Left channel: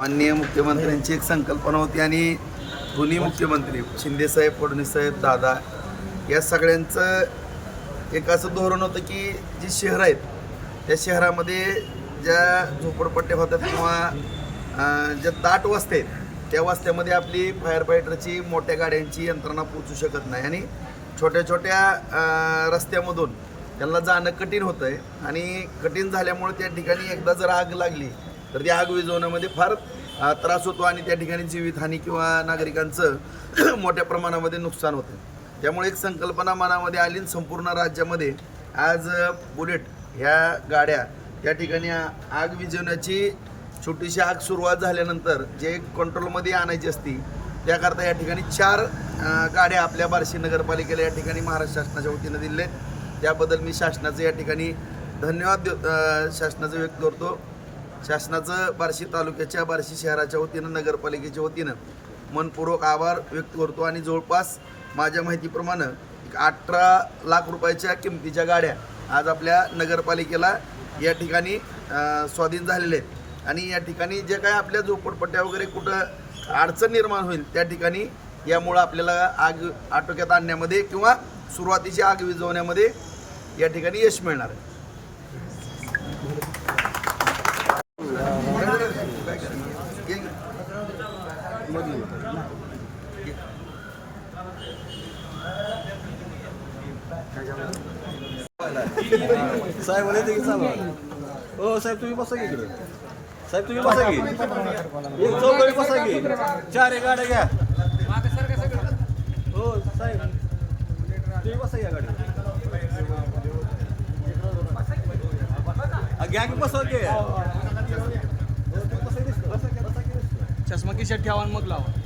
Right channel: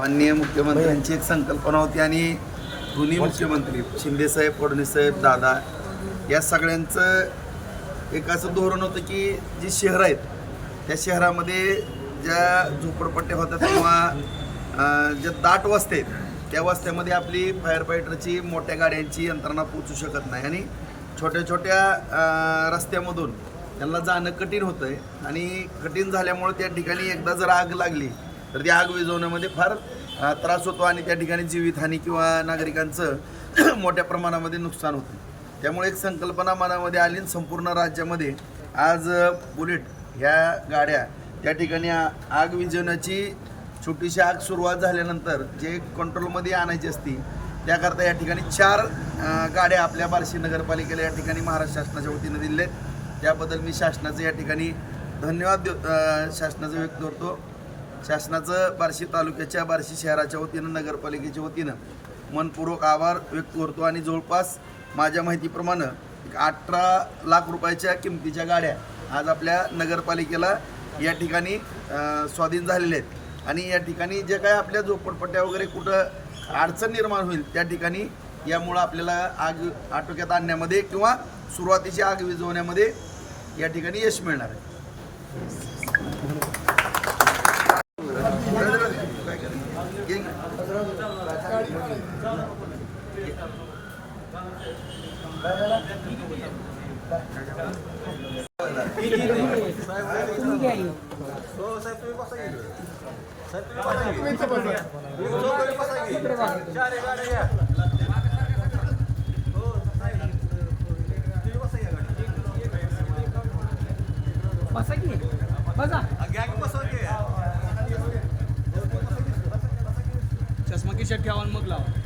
माननीय मुख्यमंत्र्यांची एक संकल्पना होती आणि दोन्ही मुख्यमंत्री शिंदेसाहेब फडणवीसाहेब दादा या सगळ्यांचं एक असं धोरण होतं की जी शहरं आहेत त्या शहरामध्ये ज्या झोपडपट्ट्या होतात किंवा ज्या दाट वस्त्या आहेत त्या वस्त्यामध्ये आपली फायर फायटरची मोठ्या गाड्यांची यंत्रणा पोचू शकत नाही. आणि छोट्या छोट्या रस्त्यामधून त्यांना जाणं कठीण होतं आहे आणि कठीण झाल्यामुळे त्या ठिकाणी एकदा जर आग लागली तर ती आग विझवण्यामध्ये फार त्रास होतो आणि त्या ठिकाणी जीवितहानी किंवा नागरिकांचं मोठ्या प्रमाणामध्ये नुकसान होतं त्यामुळे एक संकल्पना मनामध्ये आली संपूर्ण राज्यामध्ये आज बुलेट ह्या गाड्या त्या ठिकाणी आग विझवण्याची छोटीशी आग सुरुवात झाल्यानंतर जे कंट्रोलमध्ये आणायची असती त्याकरता या ठिकाणी चार गाड्या आपल्या बार्शी नगरपालिकेला या ठिकाणी महाराष्ट्र शासनाच्या वतीनं दिले त्याबद्दल मी शासनाचं या ठिकाणी धन्यवाद देव- शासनाचं व्यक्त करतो. शासनाचं बार्शी तालुक्याच्या बार्शी शहराच्या वतीनं नगरपालिकेच्या वतीनं मनपूर्वक आभार व्यक्त करतो. आणि जवळपास माझ्या माहितीप्रमाणे एक अठरा लाख रुपयाच्या किमतीच्या गाड्या आज आपल्या नगरपालिकेला या ठिकाणी स्वाधीन झालेले आहेत आणि या ठिकाणी जे काय आपल्या झोपडपट्ट्या वगैरे कुठं अडचण निर्माण होईल त्या ठिकाणी यामुळं आपल्याला आग आटोक्यात आणण्यामध्ये किंवा सुरुवातीची आग विझवण्यामध्ये या ठिकाणी यश मिळणार आहे काय करायचं? घे, घे. हो साहेब तुम्ही बसा की. साहेब तुम्ही बसा की. एक चौकडे बसा की. चार एक गाड्या घ्या. हो साहेब. तुम्ही बसा या गाडी घ्या की बसा की. चष्मा खिशात ठेवा आणि मग लावा.